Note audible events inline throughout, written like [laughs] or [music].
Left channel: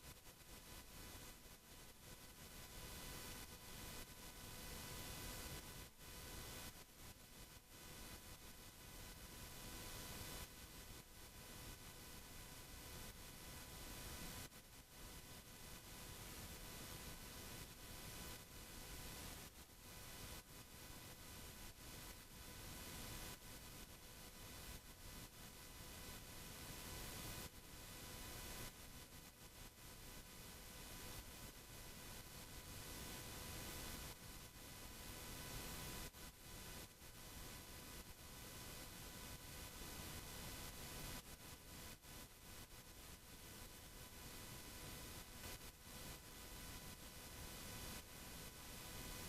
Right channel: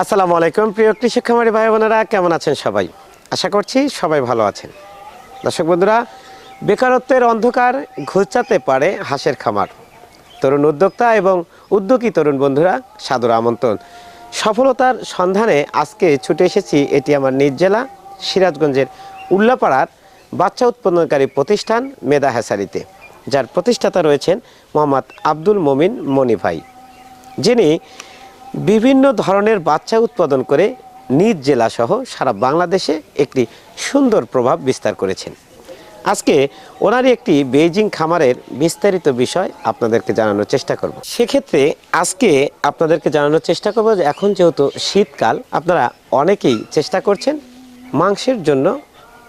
আসসালামু আলাইকুম, প্রিয় কৃষক খামারি ভাই বোনেরা, কেমন আছেন সবাই? আশা করছি সবাই ভালো আছেন। দর্শক বন্ধুরা, বেকারত্বের অন্ধকার ঘুচাতে পারে হাঁসের খামার। তরুণ উদ্যোক্তা এবং উদ্যোগী তরুণ বন্ধুরা, সাদর আমন্ত্রণ। সফলতার সন্ধানে আজকে ছুটে এসেছি এটি আমার নিজ জেলা, সিরাজগঞ্জের উল্লাপাড়ার বাচ্চা উৎপাদনকারী প্রতিষ্ঠান মেদা হ্যাসারিতে যার প্রতিষ্ঠাতা রয়েছেন মোহাম্মদ আব্দুল মমিন মনি ভাই। যিনি বিভিন্ন ধরনের বাচ্চা উৎপাদন করে নিজ জেলাসহ সারা বাংলাদেশে একটি সুন্দর প্রভাব বিস্তার করেছেন। আজকে ওনারই একটি বেইজিং খামারের বিস্তারিত বিষয় আপনাদেরকে জানানোর চেষ্টা করব। সেক্ষেত্রে আজকে আপনাদেরকে জানানোর চেষ্টা করব যে এখন যেহেতু শীতকাল, আপনারা অনেকেই চেষ্টা করছেন মাংসের জন্য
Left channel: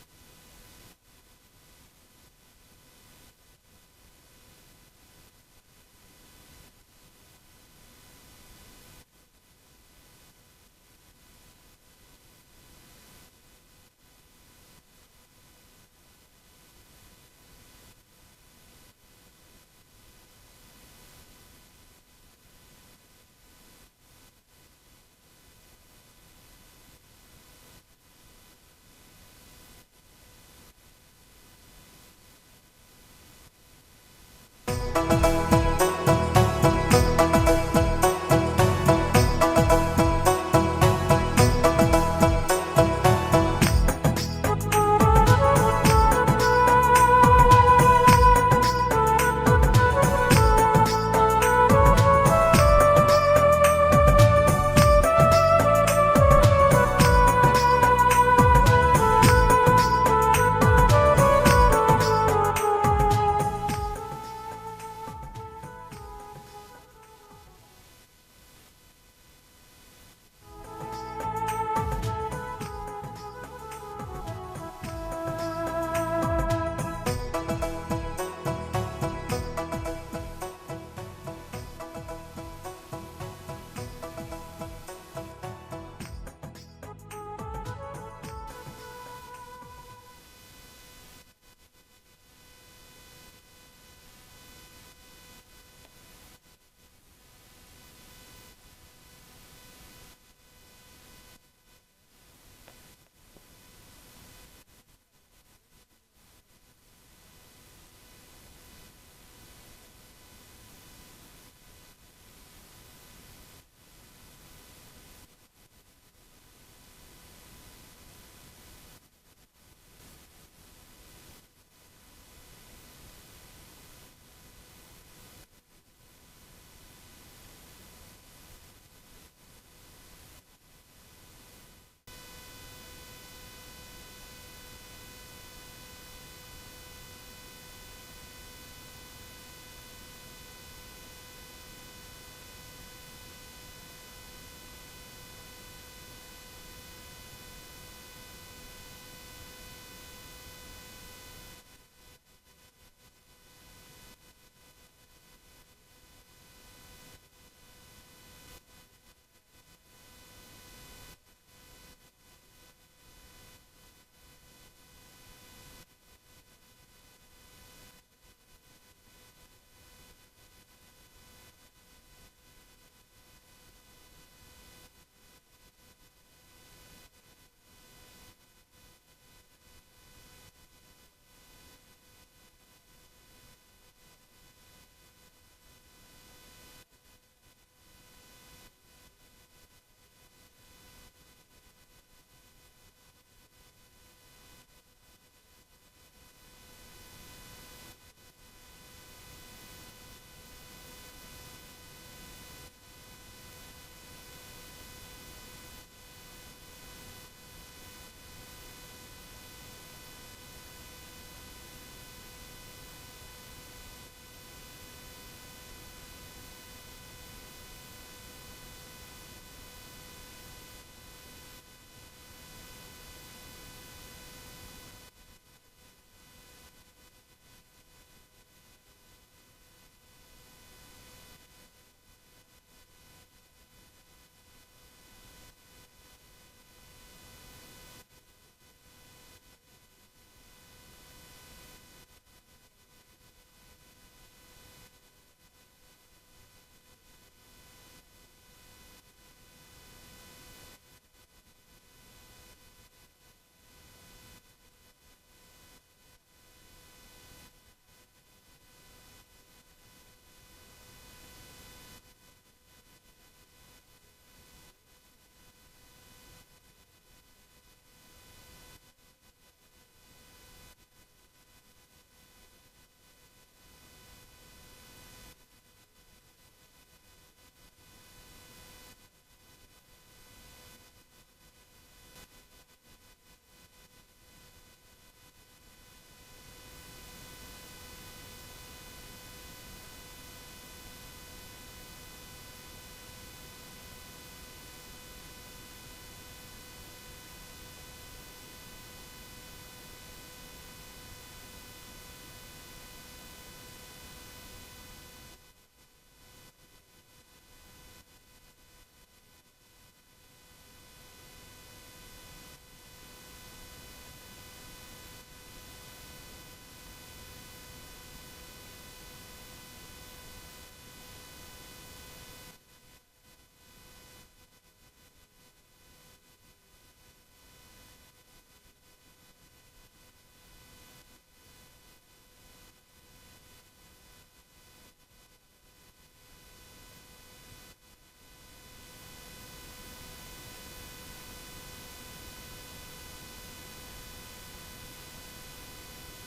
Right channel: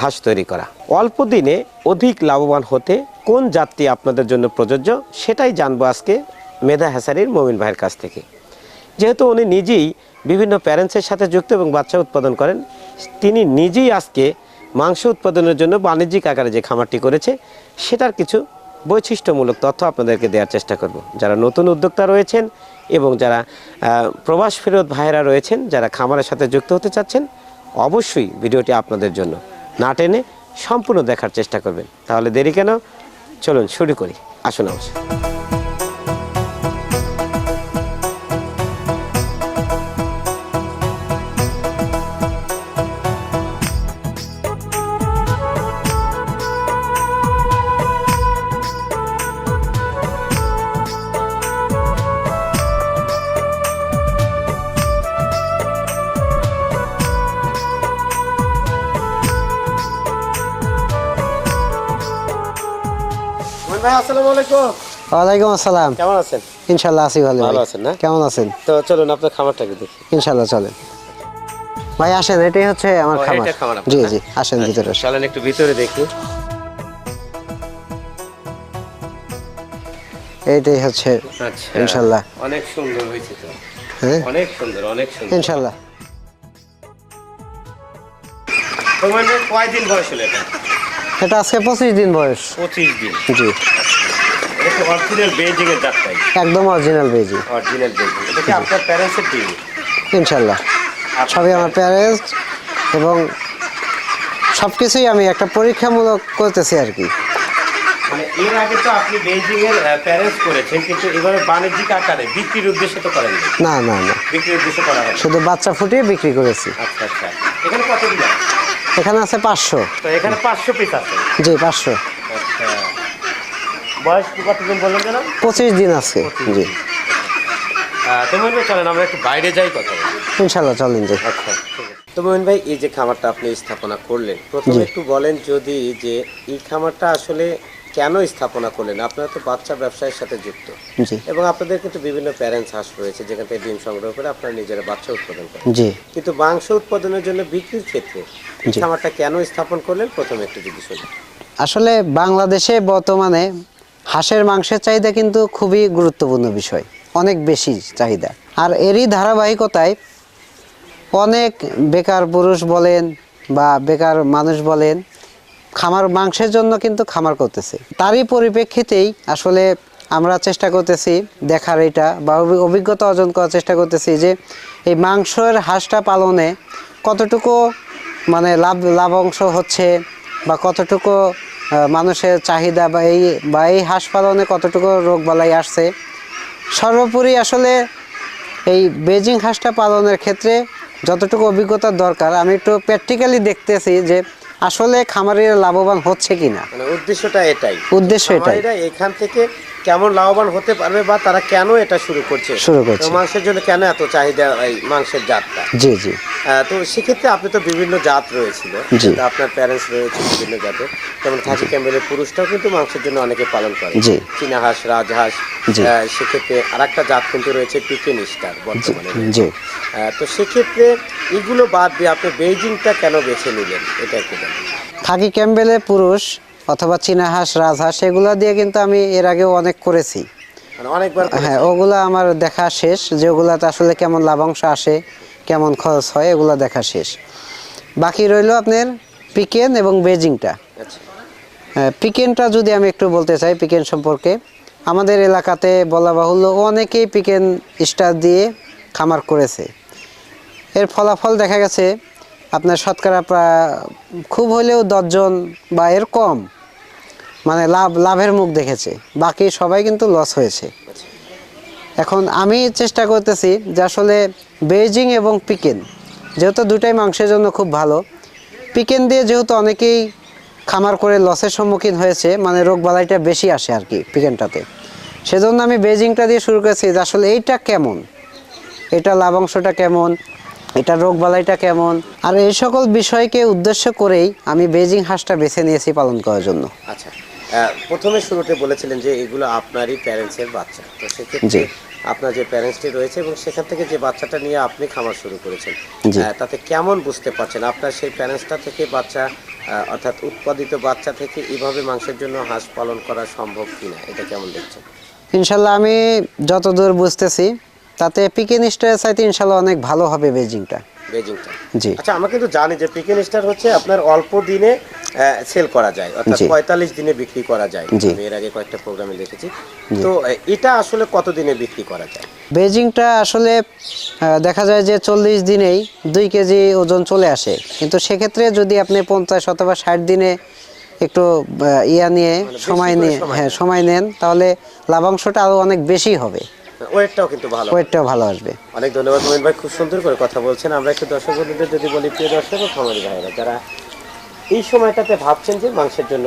হাঁস তৈরি করা। অল্প দিনে অধিক লাভবান হতে কোন জাতটি আপনাদের জন্য প্রযোজ্য সেটাই জানব আজকে মেধা হ্যাসারির মমিন ভাইয়ের কাছ থেকে। যেহেতু উনি নিজেই বিভিন্ন প্যারেন্টসের সাথে যুক্ত এবং বাচ্চা উৎপাদন করেন, তিনি নিজেই আজকে মাংস উৎপাদনের জন্য বাণিজ্যিক আকারে যে খামারটি করেছে, সেটার কিছু বৈশিষ্ট্যমূলক তথ্য আপনাদেরকে দেওয়ার চেষ্টা করব। যারা নতুন উদ্যোক্তা রয়েছেন এবং যারা প্রবাস ফেরত ভাইয়েরা রয়েছেন, যারা খামারের সাথে যুক্ত হতে চাচ্ছেন, অবশ্যই ভিডিওটি আপনাদের জন্য না টেনে সম্পূর্ণ দেখার চেষ্টা করবেন। তাহলে দেরি কেন? চলুন শুরু করি। আসুন আসুন ভাই আসসালামু আলাইকুম। ওয়ালাইকুম আসসালাম। কেমন আছেন? ইনশাল্লাহ আছি ভালো। ভালো আছেন না? কেমন আছেন? তো চলুন আপনার খামারটাকে দেখি। ইনশাল্লাহ চলেন। ভাই আসেন এটাই হচ্ছে আমার ও, খামার। এটা খামার আপনার, জি না? জি আসেন ভিতরে আসেন। চলেন একটু ভিতরে দেখি। এইটাই হচ্ছে আচ্ছা ইনশাল্লাহ। অনেক সুন্দর হয়েছে তো। হ্যাঁ? অনেক সুন্দর অনেক সুন্দর। ইনশাল্লাহ। তোমার মেয়ে কয়দিন বয়স হলো এটা? এটা আজকে পঁচিশ দিন বয়স। পঁচিশ দিন। জি। অরিজিনাল বেজিং এর জাতটাই একদম অরিজিনাল বেজি অরিজিনাল বেজিং এটা কি আপনার প্যারেন্টসের ডিম ইনশাল্লাহ। সবই আমার প্যারেন্টস এবং সব কিছুই আমি একটা পরীক্ষামূলক করতেছি আর কি। মানে এর আগে তো আপনি বেজিং এর প্যারেন্টস করেছেন কিন্তু এবারে বাণিজ্যিক আকারে বিক্রির উদ্দেশ্যে তো করেননি। না না না। বিক্রির উদ্দেশ্যে করা হবে শুধু বাচ্চা ফুটিয়ে বিক্রি করেছি। আচ্ছা আচ্ছা। এখানে কত দিন এখানে আছে পাঁচশো। তো এখানে পাঁচশো পিস আছে। জি পাঁচশো। আচ্ছা। বয়স কতদিন বললেন পঁচিশ দিন আছে জি। চলেন আমরা একটু বাইরে যাই কথা। ইনশাল্লাহ চলেন জি আচ্ছা তো মোহন ভাই এই যে খামারটা আপনি স্থাপনা করলেন প্রথমে একটু বলেন যদি যে এই খামারটা আসলে কেন স্থাপনা করলেন? আপনারা তো বাচ্চা ব্যবসায়ের সাথে যুক্ত। এবং আপনাদের কিন্তু বিভিন্ন প্যারেন্টস হাঁস রয়েছে যেখান থেকে ডিম সংগ্রহ করে আপনারা নিজেরা বাচ্চা উৎপাদন করেন। জি। কিন্তু মাংস উৎপাদনের জন্য বিক্রির ক্ষেত্রে। খামারটা কেন স্থাপন করলেন? প্রথমে একটু যদি আসলে বাংলাদেশে বর্তমানে হাঁসের মাংসের চাহিদা কিন্তু খুবই গুরুত্বপূর্ণ বিষয় অনেক বেশি চাহিদা। আর এরই ধারাবাহিকতায় অনেক বেকার পুরুষ বলেন বা বেকার মানুষ বলেন খামার মাংসের জন্য কিন্তু খামার করতেছে। তারই পরিপ্রেক্ষিতেই আসলে আমরা চেষ্টা করতেছি দেখার এটা বা অভিজ্ঞতা অর্জন করার চেষ্টা করতেছি যে এই মাংসের হাঁসটা পালনে কতটুকু মানে লাভ লাভ অংশ হচ্ছে বা কতটুকু মানুষের চাহিদা বা এই বা এই হাঁস পালনে কতটুকু রোগ বালাই আসছে। সর্বোপরি আসলে এই বেজিং হাঁসটা পালনের ক্ষেত্রে যতটুকু অভিজ্ঞতার দরকার আমি একটু প্র্যাকটিক্যালি দেখতেছি যে আসলে খামারিরা লাভবান হচ্ছে কিনা। মানে উদ্দেশ্যটা এটাই। উদ্দেশ্য এটাই। এখান থেকে কেমন লাভবান হতে পারবে বা তারা কেন এটা শুরু করছে? শুরু করছে। মাংসের জন্য কেন এত চাহিদা এই মাংসের জাতটা? জি জি। তো সেক্ষেত্রে আপনি তো বিভিন্ন জাত রয়েছিল। আপনার প্যারেন্টস রয়েছে বিভিন্ন জাতের যেমন খাসি ক্যাম্বেলের পুরুষটাও কিন্তু মাংসের জন্য অনেকে পালন করে। চীনা হাঁস রাজহাঁস। সেক্ষেত্রে আর একটা জাত কিন্তু রয়েছে পিকেন স্টার বর্তমানে। জি তো সেক্ষেত্রে এগুলো বাদ দিয়ে আপনি বেইজিংটা কেন বেছে নিলেন? এটা একটু খাকি ক্যাম্বেলের পুরুষ অথবা চীনা হাঁস রাজহাঁস এগুলো দিয়ে কিন্তু আমি এর আগেও অনেক করেছি। মানে হ্যাঁ ওগুলো আমার দেখা শেষ যে ওগুলাতে আসলে কেমন লাভাংশ আসে কেমন খরচ হয় এগুলো দেখা শেষ। বাকি রইল আপনার পিকেন এবং বেজিংটা। আচ্ছা। হ্যাঁ, পিকেনটা যদি আমি একটু বলতে চাই পিকেন সম্পর্কে আমাদের এলাকাতে বলা বাহুল্য অনেকেই পিকেন স্টার দিয়ে খামার করেছে। এর ফলাফল দেখা গেছে আপনার শতকরা প্রায় খুব হলেও দশজন বা এর কম। মানে লাভ, লাভের মুখ দেখেছে। বাকি সবাই কিন্তু লস হয়েছে। এখন আমি চেষ্টা করতেছি যে আসলে বেজিং এবং পিকেন যেহেতু দুটাই মাংসের জন্য খুব ভালো পিকেন দিয়ে যেহেতু অনেকেই খামার করে লসের সম্মুখীন হয়েছে মানে রোগ বালাইটা বেশি আসে আর কি পিকেনটাতে সেজন্য আমি বেজিংটা দিয়ে শুরু করেছি যে আসলে এইটা কেমন? এটা লাভাংশটা কেমন? এটা রোগ বালাইটা কেমন? আর এই সকল বিষয়কে উদ্দেশ্য করেই আমি বেজিং হাঁসটা বেছে নিয়েছি পালন করার জন্য। আচ্ছা। প্রথমে শুরুতে বলেছিলেন যে এগুলো আপনারই প্যারেন্টসের বাচ্চা। তো সেক্ষেত্রে আপনার যে প্যারেন্টসটি রয়েছে এবং সেখান থেকে যে বাচ্চাটা নিয়ে আপনি খামার শুরু করেছেন তাতে কেমন বুঝতে পারছেন? আপনার সেই প্যারেন্টসটা থেকে বাচ্চা অর্থাৎ উৎপাদিত বাচ্চা থেকে এইভাবে মাংসের জন্য হাঁস পালন করা সম্ভব কিনা? এটা কেমন দেখছেন? ইনশাল্লাহ আমি যতদূর বুঝতেছি তাতে পিকেন স্টারের চাইতে ইনশাল্লাহ অনেক ভালো হবে বেজিংটা। বেজিংটা। জি। আচ্ছা আমাকে কিন্তু জানি যে পিকেন স্টার হচ্ছে আপনার অল্প দিনে সেল করা যায় অর্থাৎ। পঁয়তাল্লিশ দিনে বিক্রি করা যায়। আমি এর আগে কয়েকটা প্রোগ্রামে দেখেছি। তো এটা আসলে কত দিনে বিক্রি করা যায়? বেজিংটা আসলে দেখা যায় যে চল্লিশ দিনেই দুই কেজি ওজন চলে আসে। কিন্তু সেক্ষেত্রে যদি আপনি পঞ্চাশ অথবা ষাট দিনে একটু ইয়া নিয়ে সময় নিয়ে হ্যাঁ সময় নেন তাহলে লাভাংশটা আরও অনেক বেশি হবে। ওয়েটটাও কিন্তু ভালো। ওয়েটটাও ভালো আসবে। অনেক ধন্যবাদ মোহিন ভাই খুব সুন্দর করে কথা বলছেন। আমরা একটু দর্শক বন্ধুদের যদি বলি প্রিয় দর্শক ও খামারি ভাইয়েরা যারা এই সময়টাতে ভাবছেন যে মাংসের জন্য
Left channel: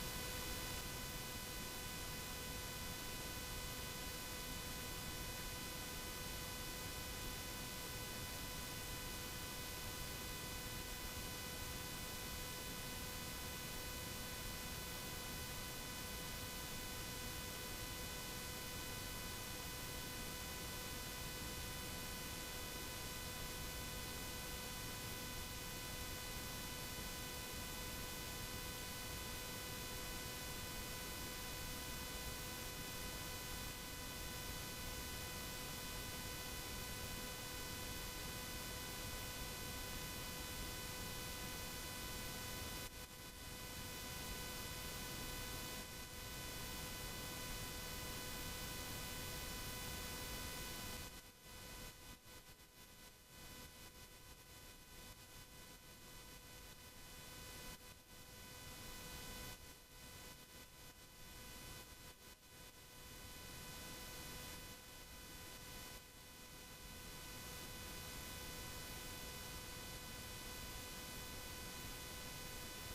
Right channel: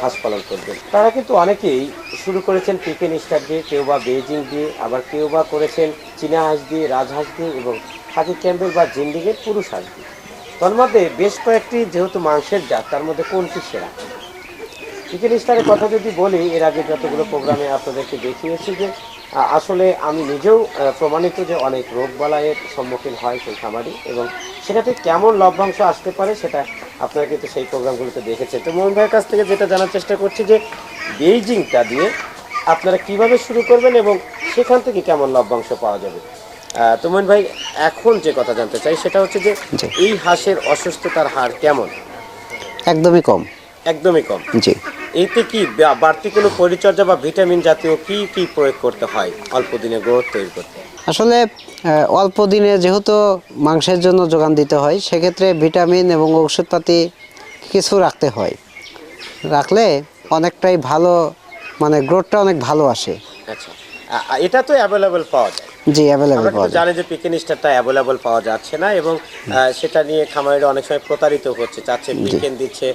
হাঁস পালন করবেন। তারা কিন্তু অনেকেই শুরু করেছেন পিকেন স্টার দিয়ে, কেউ বা বেজিং দিয়ে, আবার কেউ বা করেছেন চীনা হাঁস দিয়ে রাজহাঁস দিয়ে এবং খাকি ক্যাম্পেল বা জিন্ডিগের পুরুষ হাঁস দিয়ে। তার মধ্যে বেশ কয়েকটি যেহেতু মাংসের জাত, তার মধ্যে কোনটি সেরা? চিকেন স্টারের কথা যদি বলি, এর আগে যতগুলো প্রোগ্রামে আপনাদেরকে দেখিয়েছি যে আসলে আমি নিজেও প্রমাণিত যে অনেক রোগ বালাইয়ের সম্মুখীন হয় সেই খামারি এবং সেটাতে কেমন লভ্যাংশ আসতে পারে সেটা আপনারা কিন্তু সেই প্রোগ্রামগুলোতে দেখেছেন। তো মোহন ভাইয়ের কাছ থেকে যেটা জানার চেষ্টা করছি যে বেইজিংটা দিয়ে আপনারা কীভাবে শুরু করবেন এবং সেখান থেকে কেমন লভ্যাংশ পাওয়া যাবে? তোমন তো মোহন ভাই এখন যে কথা জানতে চাই সেটা হচ্ছে যে এই হাঁসের অসুস্থতার হার কেমন? একদমই কম। একদমই কম। জি। এতে কি বাড়তি কোনো পরিচর্যা বা ভিটামিন জাতীয় কি কি প্রয়োগ করতে হয়? অল্প দিনে গ্রোথ তৈরি করতে। আসলে অল্প দিনে যেহেতু মাংসের জন্য যোগান দিতে হয় সেক্ষেত্রে ভিটামিন এবং ওষুধপাতি কিছু রাখতে হয়। রাখলে অনেকটাই ভালো মানে গ্রোথটা অনেক ভালো আসে। আচ্ছা। এটা তো অ্যাভেলেবেল পাওয়া যায়। জি অ্যাভেলেবেল পাওয়া যায়। জানি যে পিকেন স্টারটা অ্যাভেলেবল পাওয়া যাচ্ছে না এবং সেটা নিয়ে খামারিরা অনেক সময় প্রতারিত হচ্ছে চাচ্ছে পিকেন দিচ্ছে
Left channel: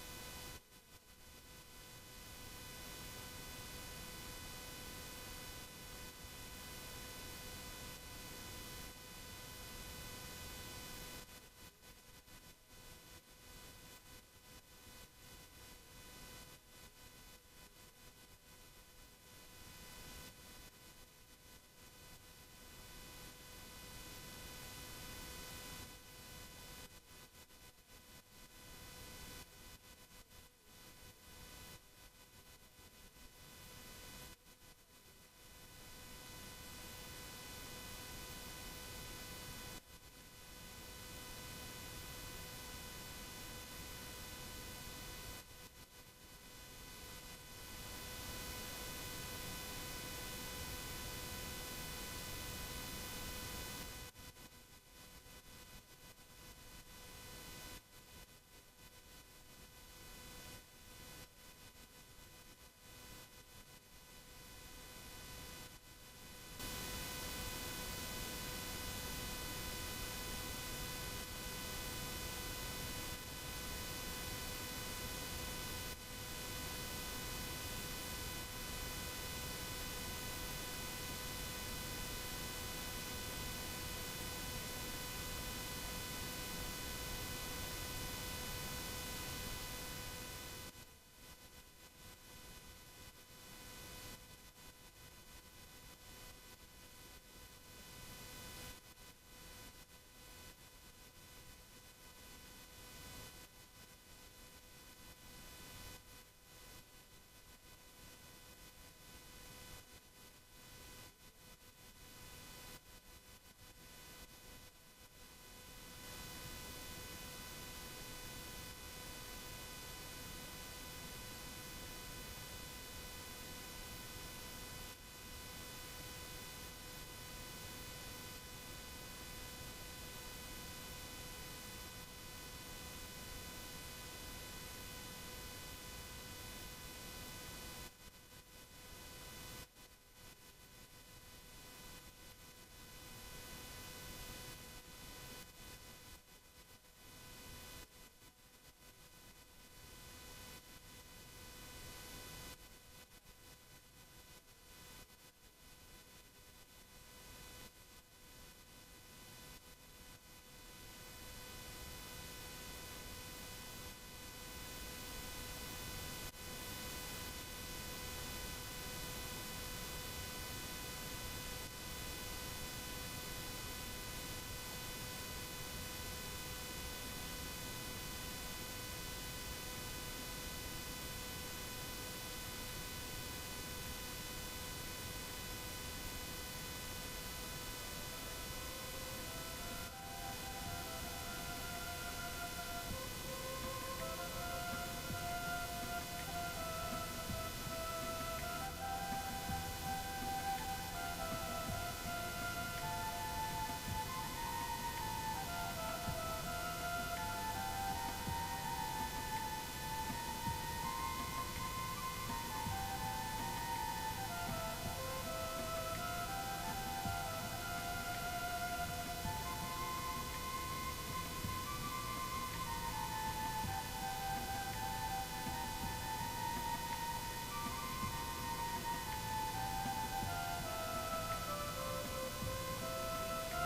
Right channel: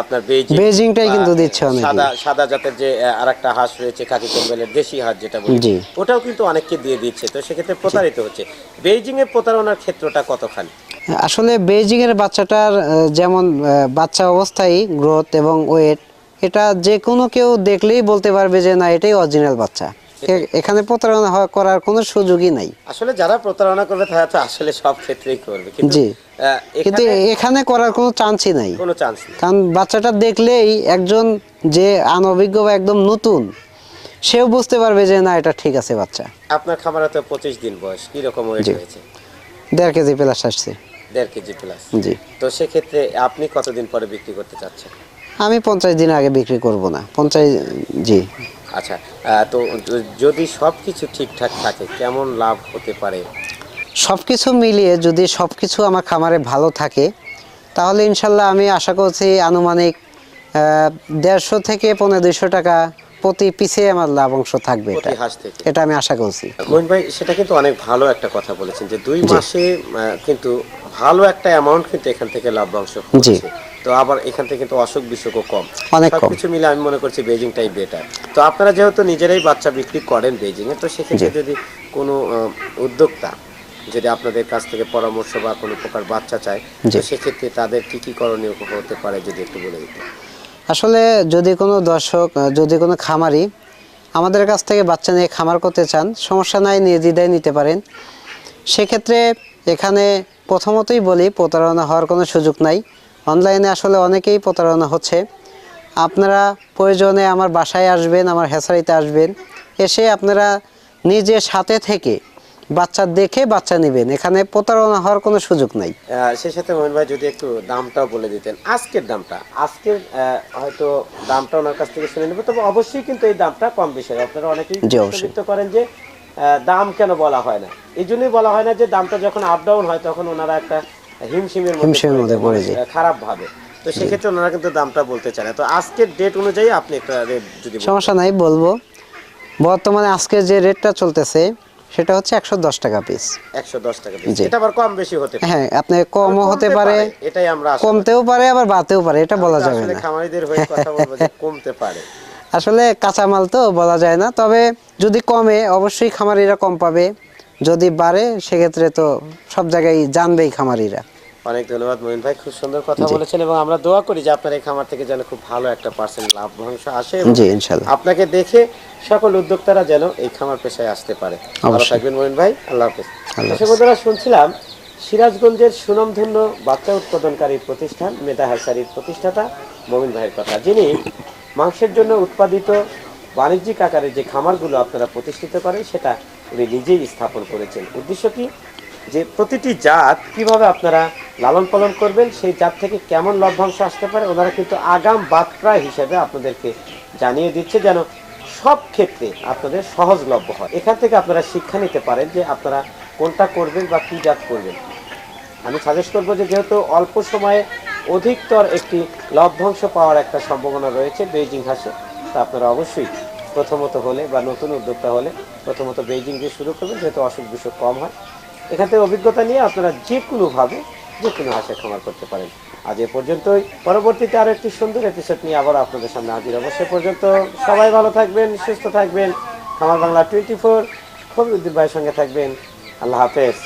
আপনার বেজিং বেজিংটাই কিন্তু দিচ্ছে অনেকেই। সাদা সাদা জাতের যে আর একটা হাঁস রয়েছে কাকি কম্বেলের দেশি হাঁস যেটা বলি। ওটাও কিন্তু অনেককে দিয়ে দিচ্ছে তো সেক্ষেত্রে প্রতারিত হচ্ছে। বেজিং এর প্রতারণার ক্ষেত্রটা কতখানি? আসলে বেজিং এর বাচ্চাটার যেমন বাচ্চা অবস্থায় গ্রোথ এবং ওয়েট এটা যে কোনো কেউ দেখলেই বলতে পারবে যে না এটাই অরিজিনাল বাচ্চা। এখানে প্রতারণা করার কোনো সুযোগই নাই। আসলে যারা প্রতারণা করবে তারা তো আসলে সব ক্ষেত্রেই করবে। জি। কিন্তু এখানে করার কোনো চান্সই নাই। কোনো চান্স কারণ বাচ্চাটা দেখলেই একজন যে আনভিজ্ঞ বা একদম নতুন সেও বুঝতে পারবে যে না এটা ঠিক আছে বাচ্চা। আপনার খামারে তো পঁচিশ দিন বয়স কি রকম ওয়েট। হয়েছে দেড় কেজি প্লাস আসছে। দেড় কেজি প্লাস জি। তো সেক্ষেত্রে আপনি কতদিন পরে বিক্রি করতে চাচ্ছেন? আমি পঞ্চাশ দিন আগে বিক্রি করব না। পঞ্চাশ জি। আচ্ছা তো যদি সব কিছু ঠিকঠাক থাকে কেমন লাভ হতে পারে? সব কিছু মিলিয়ে যদি সব কিছু আমার খামারে ভালো থাকে তাহলে ইনশাল্লাহ আমি আশা করছি আনুমানিক দেড়শো থেকে পনেরো দুইশো টাকা প্রতি পিছে আমার লাভ অংশ থাকবে এটা। এটা আমি আশা করছি। মোহিন ভাই সেটা কিন্তু অনেক ভালো একটা কথা বলেছেন যে দুই মাসে কিন্তু ভালো একটা অ্যামাউন্ট কিন্তু এখান থেকে লাভ্যাংশ জি। তো আবার এখান থেকে কিন্তু অসুখ বিসুখও কম। অনেক কম। সবকিছু মিলে আমি মনে করছি বেজিংটাই বেটার তো আপনারা যেহেতু নিজেরাই বাচ্চা বিক্রি করেন বেজিং এ তো সেক্ষেত্রে যদি কোনো উদ্যোক্তা যদি আপনাদের কাছ থেকে পরামর্শ বা কোনো প্রকার বাচ্চা চায় তো। সেক্ষেত্রে তাদের কি কি করণীয় হতে পারে যদি একটু বলে দিতেন? আসলে যদি কোনো দর্শক যদি কোনো খামারি আমাদের কাছ থেকে বাচ্চা নিয়ে খামার করতে চান সমস্যা নাই নির্দ্বিধায় নিতে পারেন। সেক্ষেত্রে এখানে প্রথমতই বলি প্রতারণা হওয়ার কোনো সুযোগ নাই। অনলাইনে আসলে অনেকেই প্রতারণা হচ্ছে। আপনারা প্রয়োজনে আমার বাসায় আসবেন আমার হেসারিতে আসবেন। এসে আপনারা নিজে সাথে থেকে বাচ্চা দেখে বাচ্চা নেবেন। এখানে প্রতারণা হওয়ার কোনো সুযোগ নাই। সেই সাথে মোহন ভাই যদি একটু দামটাও বলে দিতেন। আজকের দামটা? আজকের হয়তো দামটা ওনার কাছ থেকে শুনে নেব। তবে অবশ্যই কিন্তু এই দামটা কম বেশি হয়। আপনারা অনেকেই। চিন্তিত করেন যে দাম কেন বলা হয় না? এই জন্যই বলা হয় না যে দামটা যখন আপ ডাউন হয় তখন ওনারা একটা হিমশিমের হিমশিমের মধ্যে পড়ে যায়। খারাপ ভাবে। তো সেক্ষেত্রে ওনারা কিন্তু দামটা বলতে চায় তো আজকের ডেট অনুযায়ী আপনি একটা রেট যদি সমস্যা নাই বলব। বর্তমানে আজকে যে রেটটা চলতেছে সেটা হচ্ছে একশো দশ টাকা পিস একশো দশ টাকা। জি। এটা আবার কম বেশি হতে পারে। হ্যাঁ আপনি কমও হতে পারে এটাই আমরা কমতেও পারে আবার বাড়তেও পারে এটা বলা যাবে আসলে না। খামারিদের হয়ে কথা বলব যে [laughs] কমতে পারে। আসলে কাঁচামাল তো বলা যায় না তবে যদি কমে অবশ্যই খামারিরা কম পাবে। যদি বাড়ে সেক্ষেত্রে তো সব জায়গায় জানবেই খামারিরা। অনেক ধন্যবাদ মহিন ভাই খুব সুন্দর কথা বলেছেন এবং আমরা দোয়া করি যে আপনার এই খামার থেকে যেন খুব ভালো একটা পার্সেন্ট লাভ্যাংশ আসে জি ইনশাল্লাহ আপনাকে দেখে সকল উদ্যোক্তারা যেন এই খামার পেশায় আসতে পারে। ভালো থাকবেন মহিন ভাই আল্লাহ হাফেজ। দর্শক বন্ধুরা শুনছিলাম সিরাজগঞ্জের সুনামধন্য বাচ্চা উৎপাদনকারী প্রতিষ্ঠান মেধা হাসারির প্রতিষ্ঠাতা মমিন ভাইয়ের কথা। যিনি মাংসের জন্য উৎপাদিত বাণিজ্যিক আকারে যে খামারগুলো আপনারা প্রতিষ্ঠিত করেন সেটা উনি নিজেই স্থাপন করেছেন। উদ্দেশ্য কি? যে প্রতিটি জাত কীভাবে আপনারা লালন পালন করবেন, সেই জাত থেকে কেমন লভ্যাংশ আসতে পারে, ওনারা কিন্তু আগাম বার্তা হিসেবে আপনাদেরকে জানিয়ে দিচ্ছে যেন সব ক্ষেত্রে আপনাদের সহজলভ্য হয়। এখান থেকে আপনারা শিক্ষা নিতে পারেন যে আপনারা কোনটা করবেন বা কী জাত করবেন। আমি সাজেস্ট করব যে যেহেতু অল্প সময়ে অধিকতর একটি লভ্যাংশ পাওয়ার একটা সম্ভাবনা রয়েছে বেইজিং ঘাসে তা আপনারা অবশ্যই প্রথমত হলে বা নতুন উদ্যোক্তা হলে প্রথমত বেজিং দিয়ে শুরু করবেন, যেহেতু অসুখ বিসুখ কম হয়। এখান থেকে অভিজ্ঞতা নিয়ে আপনারা যে কোনোভাবে যে কোনো হাঁসের খামার করতে পারেন। আজ এ পর্যন্তই। পরবর্তীতে আরও একটি সুন্দর এপিসোড নিয়ে আবার আপনাদের সামনে হাজির হব। সে পর্যন্ত সবাই ভালো থাকবেন, সুস্থ থাকবেন। খামার বাংলা টোয়েন্টি ফোর ফরিউদ্দিন ভাইয়ের সঙ্গে থাকবেন। আল্লাহ হাফেজ।